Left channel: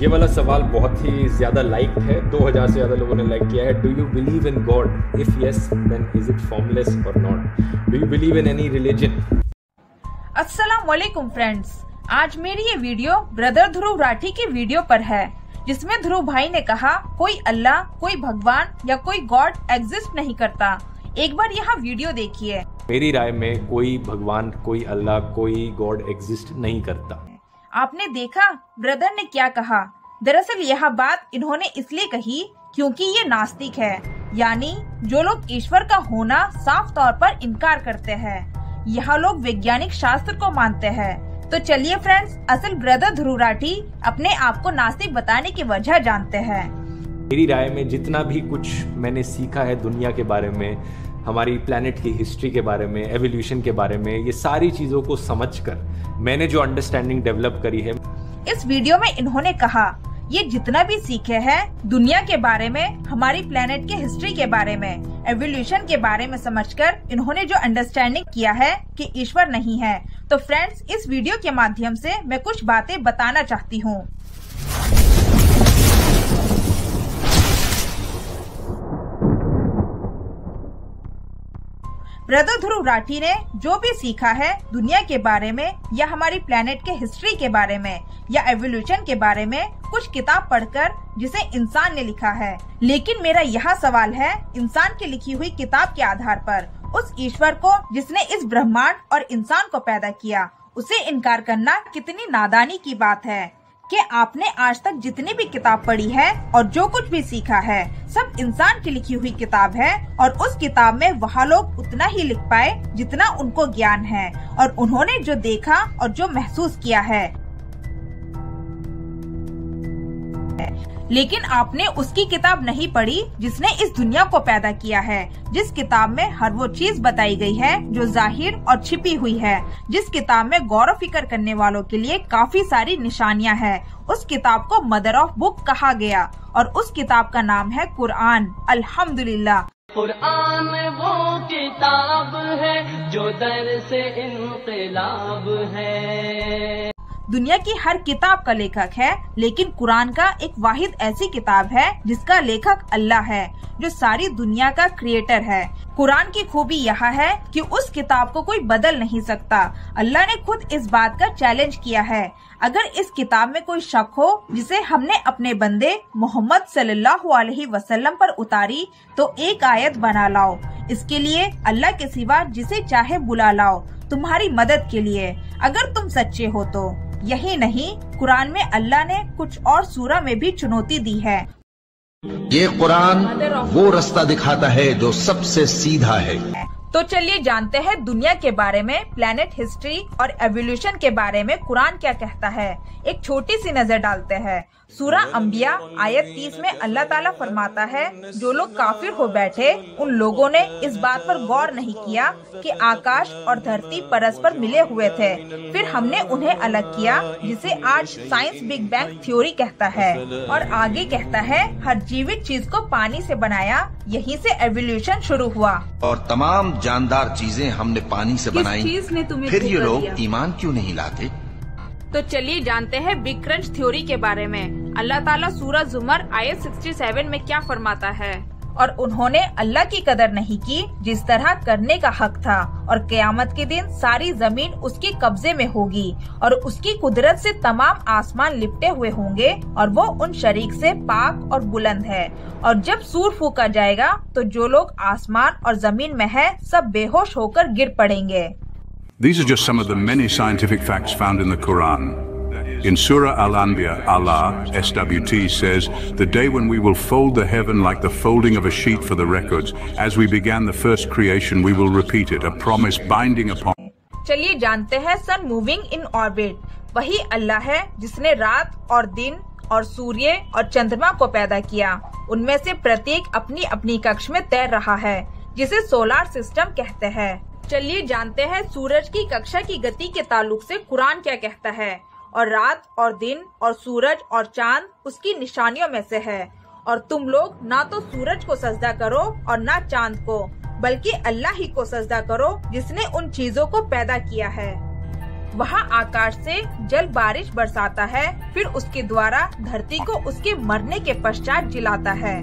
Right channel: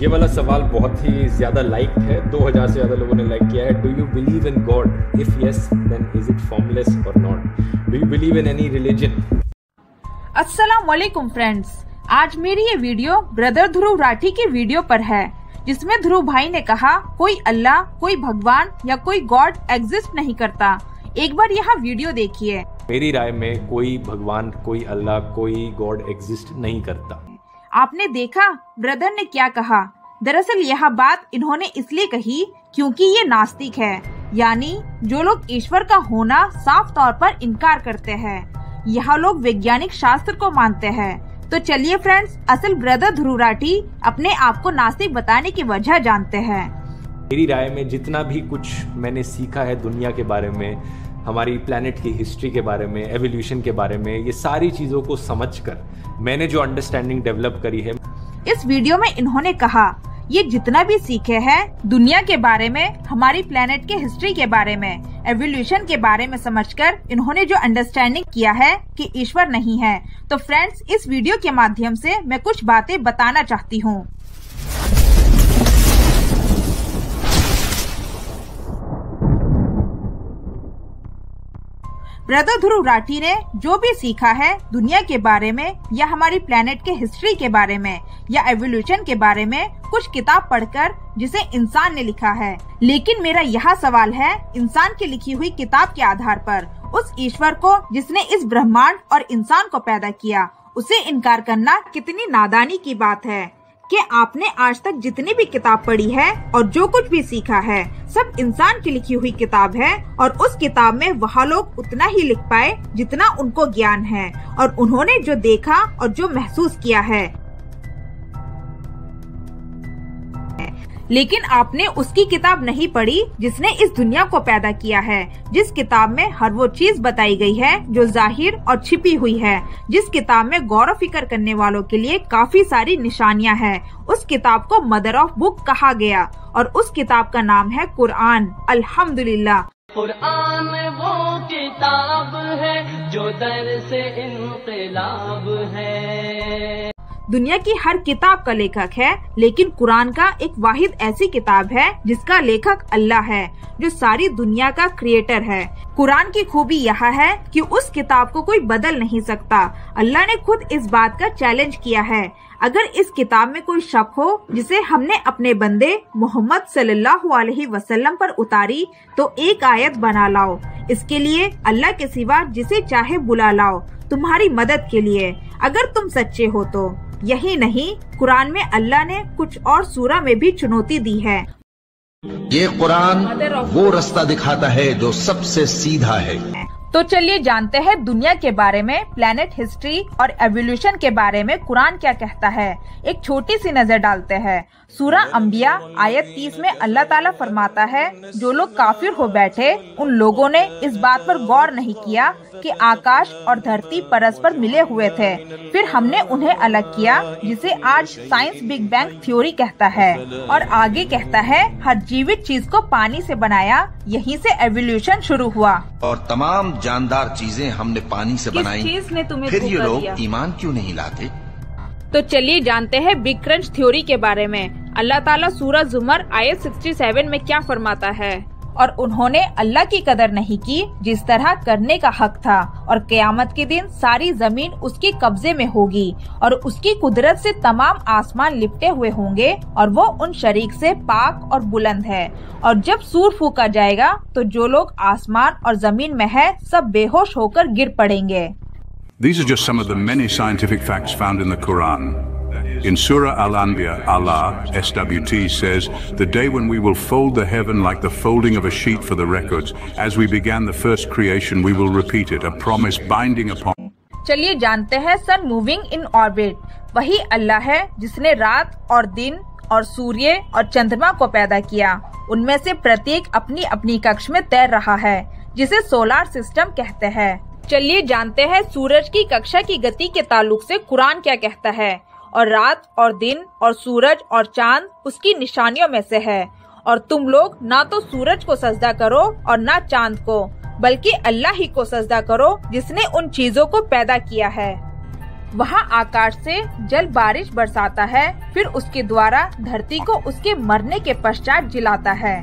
ये वाला सवाल बहुत ही ज्यादा लाइक है, 2000 से ज्यादा लोगों ने लाइक किया है। Do you believe in God? If yes then is it formless or not? Do you believe in any religion? अस्सलाम वालेकुम फ्रेंड्स, आज मेरी ये वीडियो ब्रदर ध्रुव राठी की वीडियो पर है, जिसमें ध्रुव भाई ने कहा कोई अल्लाह, कोई भगवान या कोई गॉड एग्जिस्ट नहीं करता। एक बार यहाँ वीडियो देखिए। मेरी राय में कोई भगवान, कोई अल्लाह, कोई गॉड एग्जिस्ट नहीं करता। आपने देखा ब्रदर ने क्या कहा। दरअसल यह बात इन्होंने इसलिए कही क्योंकि ये नास्तिक है, यानी जो लोग ईश्वर का होना साफ तौर पर इनकार करते हैं। यह लोग वैज्ञानिक शास्त्र को मानते हैं। तो चलिए फ्रेंड्स, असल ब्रदर ध्रुव राठी अपने आप को नास्तिक बताने की वजह जानते हैं। मेरी राय में जितना भी कुछ मैंने सीखा है दुनिया के बारे में, हमारी प्लेनेट की हिस्ट्री के बारे में, एवोल्यूशन के बारे में, ये सारी चीजों को समझकर मैंने जो अंडरस्टैंडिंग डेवलप करी है। इस वीडियो में इन्होंने कहा ये जितना भी सीखे हैं दुनिया के बारे में, हमारी प्लेनेट के हिस्ट्री के बारे में, एवोल्यूशन के बारे में समझकर इन्होंने जो अंडरस्टैंडिंग किया है कि ईश्वर नहीं है। तो फ्रेंड्स, इस वीडियो के माध्यम से मैं कुछ बातें बताना चाहती हूँ। ब्रदर ध्रुव राठी ने जो भी सीखा है दुनिया के बारे में या हमारी प्लेनेट के हिस्ट्री के बारे में या एवोल्यूशन के बारे में कुछ किताब पढ़कर, जिसे इंसान ने लिखा है। लेकिन मेरा यह सवाल है, इंसान की लिखी हुई किताब के आधार पर उस ईश्वर को जिसने इस ब्रह्मांड और इंसान को पैदा किया, उसे इनकार करना कितनी नादानी की बात है कि आपने आज तक जितनी भी किताब पढ़ी है और जो कुछ भी सीखा है सब इंसान की लिखी हुई किताब है, और उस किताब में वह लोग उतना ही लिख पाए जितना उनको ज्ञान है और उन्होंने जो देखा और जो महसूस किया है। लेकिन आपने उसकी किताब नहीं पढ़ी जिसने इस दुनिया को पैदा किया है, जिस किताब में हर वो चीज बताई गई है जो जाहिर और छिपी हुई है, जिस किताब में गौर फिक्र करने वालों के लिए काफी सारी निशानियां हैं। उस किताब को मदर ऑफ बुक कहा गया और उस किताब का नाम है कुरान। अल्हम्दुलिल्लाह, कुरान वो किताब है जो दर से इनकलाब है। दुनिया की हर किताब का लेखक है, लेकिन कुरान का एक वाहिद ऐसी किताब है जिसका लेखक अल्लाह है, जो सारी दुनिया का क्रिएटर है। कुरान की खूबी यह है कि उस किताब को कोई बदल नहीं सकता। अल्लाह ने खुद इस बात का चैलेंज किया है। अगर इस किताब में कोई शक हो जिसे हमने अपने बंदे मोहम्मद सल्लल्लाहु अलैहि वसल्लम पर उतारी, तो एक आयत बना लाओ। इसके लिए अल्लाह के सिवा जिसे चाहे बुला लाओ तुम्हारी मदद के लिए, अगर तुम सच्चे हो तो। यही नहीं, कुरान में अल्लाह ने कुछ और सूरा में भी चुनौती दी है। ये कुरान वो रास्ता दिखाता है जो सबसे सीधा है। तो चलिए जानते हैं दुनिया के बारे में, प्लेनेट हिस्ट्री और एवोल्यूशन के बारे में कुरान क्या कहता है। एक छोटी सी नजर डालते हैं। सूरा अंबिया आयत 30 में अल्लाह ताला फरमाता है, जो लोग काफिर हो बैठे उन लोगों ने इस बात पर गौर नहीं किया कि आकाश और धरती परस्पर मिले हुए थे, फिर हमने उन्हें अलग किया, जिसे आज साइंस बिग बैंग थ्योरी कहता है। और आगे कहता है, हर जीवित चीज को पानी से बनाया, यहीं से एवोल्यूशन शुरू हुआ और तमाम जानदार चीजें हमने पानी से बनाई। फिर ये लोग ईमान क्यों नहीं लाते? तो चलिए जानते हैं बिग क्रंच थ्योरी के बारे में। अल्लाह ताला सूरह जुमर आयत 67 में क्या फरमाता है, और उन्होंने अल्लाह की कदर नहीं की जिस तरह करने का हक था, और क़यामत के दिन सारी जमीन उसके कब्जे में होगी और उसकी कुदरत से तमाम आसमान लिपटे हुए होंगे और वो उन शरीक से पाक और बुलंद है। और जब सूर फूका जाएगा तो जो लोग आसमान और जमीन में है सब बेहोश होकर गिर पड़ेंगे। These are just some of the many scientific facts found in the Quran. In Surah Al-Anbiya, Allah, SWT, says, "The day when we will fold the heaven like the folding of a sheet for the records. As we began the first creation, we will repeat it, a promise binding upon." चलिए जानते हैं सन moving in orbit. वही अल्लाह है जिसने रात और दिन और सूर्य और चंद्रमा को पैदा किया। उनमें से प्रत्येक अपनी अपनी कक्ष में तैर रहा है, जिसे सोलार सिस्टम कहते हैं। चलिए जानते हैं सूरज की कक्षा की गति के ताल्लुक से कुरान क्या कहता है। और रात और दिन और सूरज और चांद उसकी निशानियों में से है, और तुम लोग ना तो सूरज को सजदा करो और ना चांद को, बल्कि अल्लाह ही को सजदा करो जिसने उन चीजों को पैदा किया है। वहाँ आकाश से जल बारिश बरसाता है, फिर उसके द्वारा धरती को उसके मरने के पश्चात जिलाता है।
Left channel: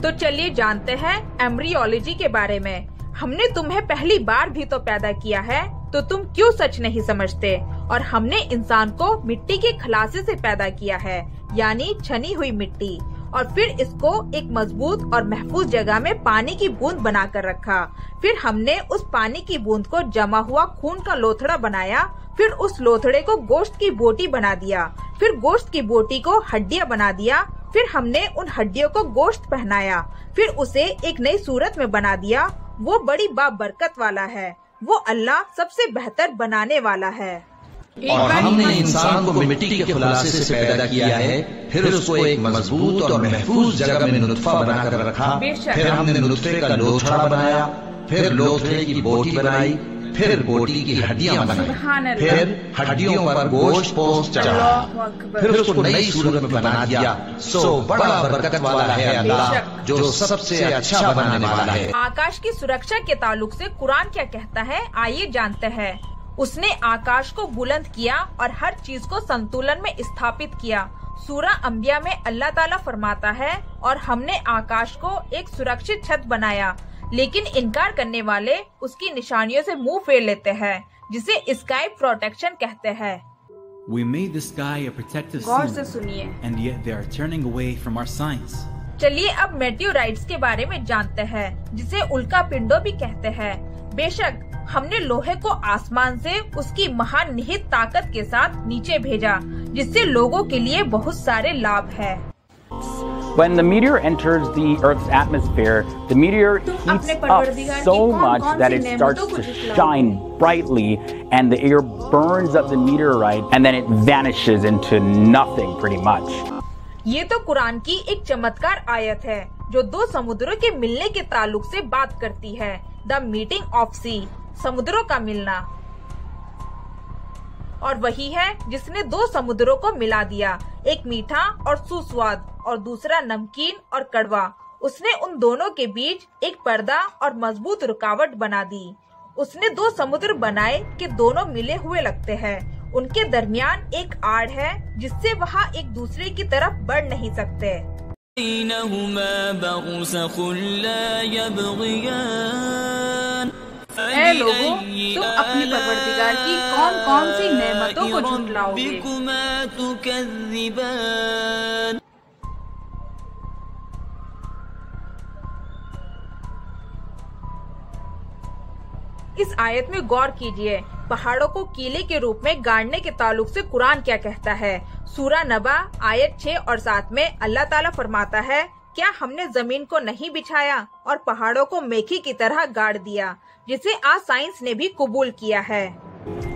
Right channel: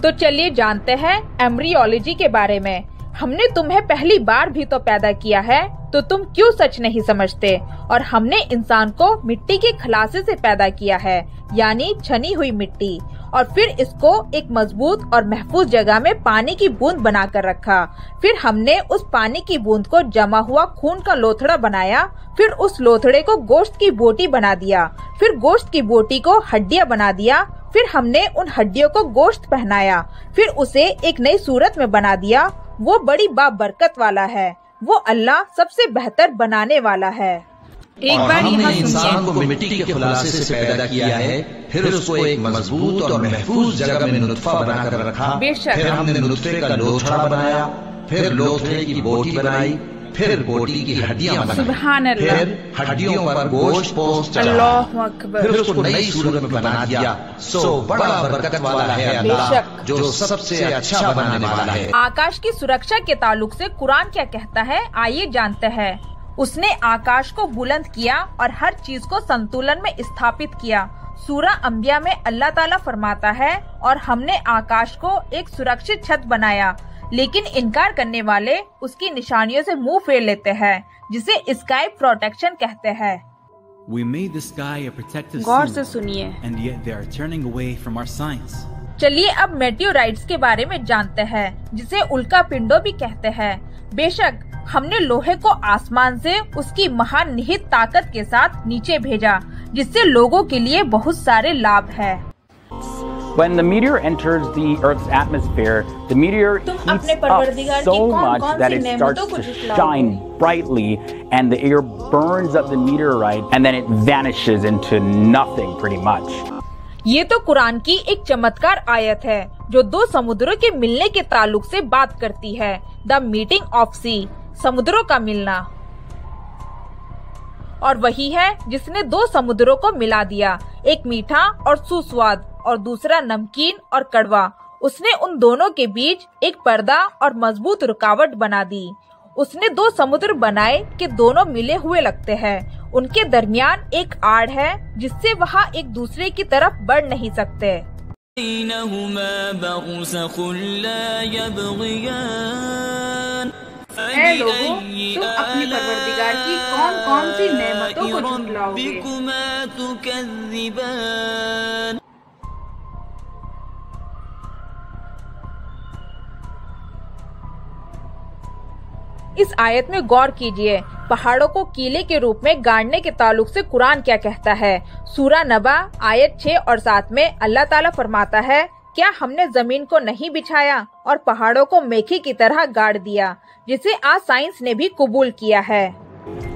तो चलिए जानते हैं एम्ब्रियोलॉजी के बारे में। हमने तुम्हें पहली बार भी तो पैदा किया है, तो तुम क्यों सच नहीं समझते? और हमने इंसान को मिट्टी के खलासे से पैदा किया है, यानी छनी हुई मिट्टी, और फिर इसको एक मजबूत और महफूज जगह में पानी की बूंद बनाकर रखा। फिर हमने उस पानी की बूंद को जमा हुआ खून का लोथड़ा बनाया, फिर उस लोथड़े को गोश्त की बोटी बना दिया, फिर गोश्त की बोटी को हड्डियां बना दिया, फिर हमने उन हड्डियों को गोश्त पहनाया, फिर उसे एक नई सूरत में बना दिया। वो बड़ी बाबरकत वाला है, वो अल्लाह सबसे बेहतर बनाने वाला है। और हमने इंसान को मिट्टी के खुलासे से पैदा किया है, फिर उसको एक मजबूत और महफूज जगह में नुत्फा बनाकर रखा। फिर हमने नुत्फे का लोथड़ा बनाया, फिर लोथड़े की बोटी बनाई, फिर बोटी की हड्डियां बनाई, फिर हड्डियों पर गोश्त पोस्ट चढ़ा, फिर उसको नई सूरत में बना दिया। सो बड़ा बरकत वाला है अल्लाह, जो सबसे अच्छा बनाने वाला है। आकाश की सुरक्षा के ताल्लुक से कुरान क्या कहता है, आइए जानते हैं। उसने आकाश को बुलंद किया और हर चीज को संतुलन में स्थापित किया। सूरा अंबिया में अल्लाह ताला फरमाता है, और हमने आकाश को एक सुरक्षित छत बनाया, लेकिन इनकार करने वाले उसकी निशानियों से मुंह फेर लेते हैं, जिसे स्काई प्रोटेक्शन कहते हैं। We made the sky a protective गौर से seal, सुनिए। and yet they are turning away from our signs. चलिए अब मेटियोराइट्स के बारे में जानते हैं, जिसे उल्का पिंडों भी कहते हैं। बेशक हमने लोहे को आसमान से उसकी महान निहित ताकत के साथ नीचे भेजा, जिससे लोगों के लिए बहुत सारे लाभ है। When the meteor enters the Earth's atmosphere, the meteor heats up so much that it starts to shine brightly, and the air burns up the meteorite, and then it vanishes into nothing pretty much. ये तो कुरान की एक चमत्कार आयत है, जो दो समुद्रों के मिलने के ताल्लुक से बात करती है। द मीटिंग ऑफ सी, समुद्रों का मिलना। और वही है जिसने दो समुद्रों को मिला दिया, एक मीठा और सुस्वाद और दूसरा नमकीन और कड़वा। उसने उन दोनों के बीच एक पर्दा और मजबूत रुकावट बना दी। उसने दो समुद्र बनाए कि दोनों मिले हुए लगते हैं। उनके दरमियान एक आड़ है, जिससे वहाँ एक दूसरे की तरफ बढ़ नहीं सकते। ऐ लोगों, तुम अपने परवरदिगार की कौन-कौन सी नेमतों को झुटलाओगे? इस आयत में गौर कीजिए। पहाड़ों को कीले के रूप में गाड़ने के ताल्लुक से कुरान क्या कहता है। सूरा नबा आयत 6 और 7 में अल्लाह ताला फरमाता है, क्या हमने जमीन को नहीं बिछाया और पहाड़ों को मेखी की तरह गाड़ दिया, जिसे आज साइंस ने भी कबूल किया है।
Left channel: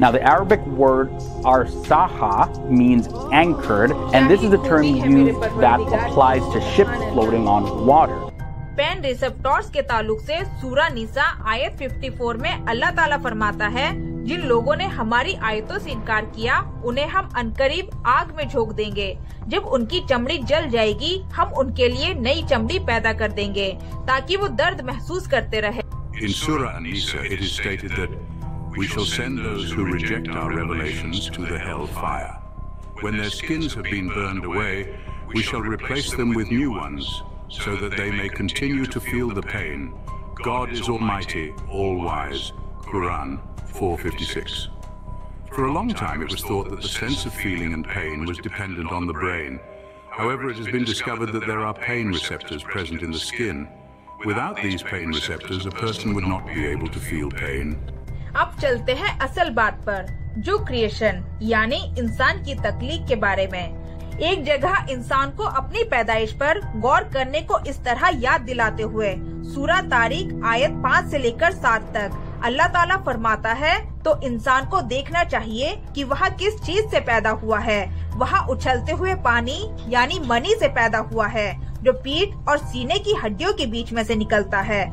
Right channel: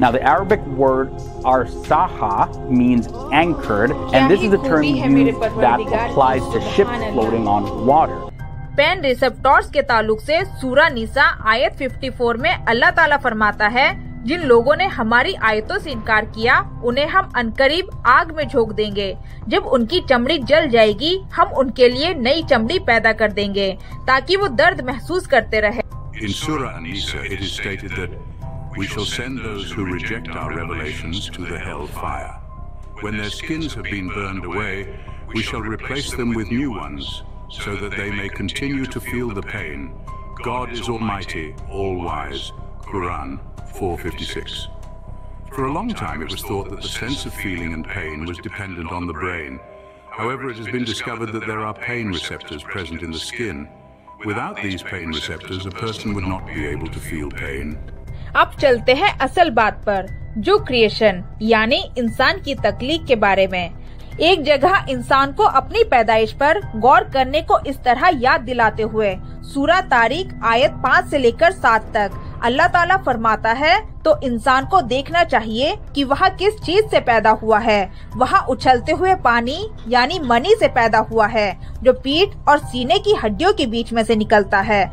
Now the Arabic word arsaha means anchored, and this is the term used that applies to ships floating on water. Pen receptors के ताल्लुक से सूरा निसा आयत 54 में अल्लाह ताला फरमाता है, जिन लोगों ने हमारी आयतों से इनकार किया, उन्हें हम अनकरीब आग में झोंक देंगे। जब उनकी चमड़ी जल जाएगी, हम उनके लिए नई चमड़ी पैदा कर देंगे, ताकि वो दर्द महसूस करते रहे। In Surah An-Nisa, it is stated that we shall send those who reject our revelations to the hell fire. When their skins have been burned away, we shall replace them with new ones, so that they may continue to feel the pain. God is Almighty, All-Wise. Quran 4:56. For a long time it was thought that the sense of feeling and pain was dependent on the brain. However, it has been discovered that there are pain receptors present in the skin. Without these pain receptors, a person would not be able to feel pain. अब चलते हैं असल बात पर, जो creation यानी इंसान की तख्लीक के बारे में। एक जगह इंसान को अपनी पैदाइश पर गौर करने को इस तरह याद दिलाते हुए सूरा तारीख आयत 5 से लेकर 7 तक अल्लाह ताला फरमाता है, तो इंसान को देखना चाहिए कि वह किस चीज से पैदा हुआ है। वह उछलते हुए पानी यानी मनी से पैदा हुआ है, जो पीठ और सीने की हड्डियों के बीच में से निकलता है।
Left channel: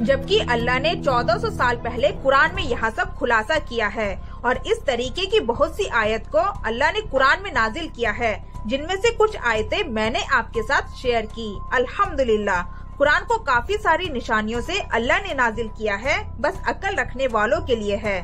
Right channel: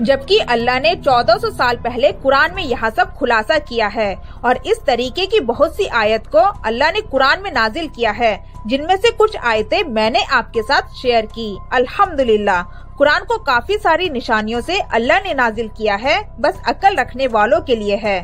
जबकि अल्लाह ने 1400 साल पहले कुरान में यह सब खुलासा किया है, और इस तरीके की बहुत सी आयत को अल्लाह ने कुरान में नाजिल किया है, जिनमें से कुछ आयतें मैंने आपके साथ शेयर की। अल्हम्दुलिल्लाह, कुरान को काफी सारी निशानियों से अल्लाह ने नाजिल किया है, बस अक्ल रखने वालों के लिए है।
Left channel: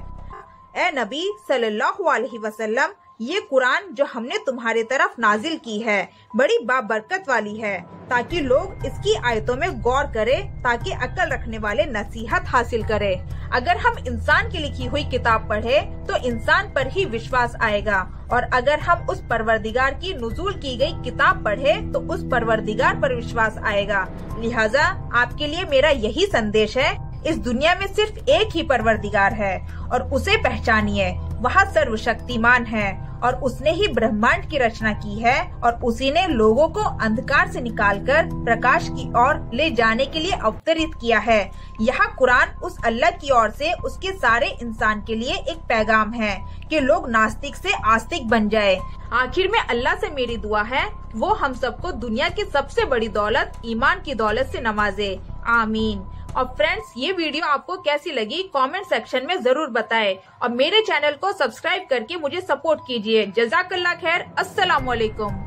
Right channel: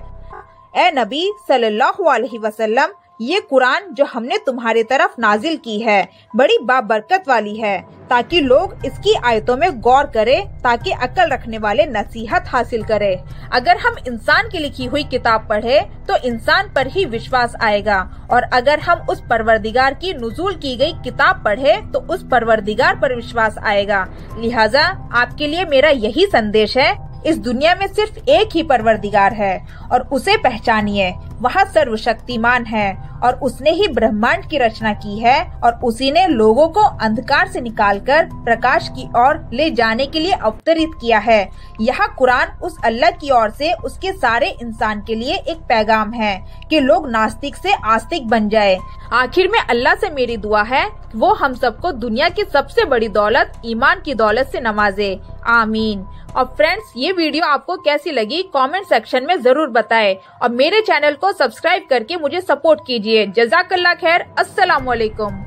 ए नबी सल्लल्लाहु अलैहि वसल्लम, ये कुरान जो हमने तुम्हारे तरफ नाजिल की है बड़ी बाबरकत वाली है, ताकि लोग इसकी आयतों में गौर करें, ताकि अक्ल रखने वाले नसीहत हासिल करें। अगर हम इंसान की लिखी हुई किताब पढ़े तो इंसान पर ही विश्वास आएगा, और अगर हम उस परवरदिगार की नुज़ूल की गई किताब पढ़े तो उस परवरदिगार पर विश्वास आएगा। लिहाजा आपके लिए मेरा यही संदेश है, इस दुनिया में सिर्फ एक ही परवरदिगार है और उसे पहचानिए। वह सर्वशक्तिमान है और उसने ही ब्रह्मांड की रचना की है, और उसी ने लोगों को अंधकार से निकालकर प्रकाश की ओर ले जाने के लिए अवतरित किया है। यह कुरान उस अल्लाह की ओर से उसके सारे इंसान के लिए एक पैगाम है कि लोग नास्तिक से आस्तिक बन जाए। आखिर में अल्लाह से मेरी दुआ है वो हम सबको दुनिया की सबसे बड़ी दौलत ईमान की दौलत से नवाजे। आमीन। और फ्रेंड्स, ये वीडियो आपको कैसी लगी कमेंट सेक्शन में जरूर बताएं, और मेरे चैनल को सब्सक्राइब करके मुझे सपोर्ट कीजिए। जज़ाकल्लाह खैर। अस्सलाम वालेकुम।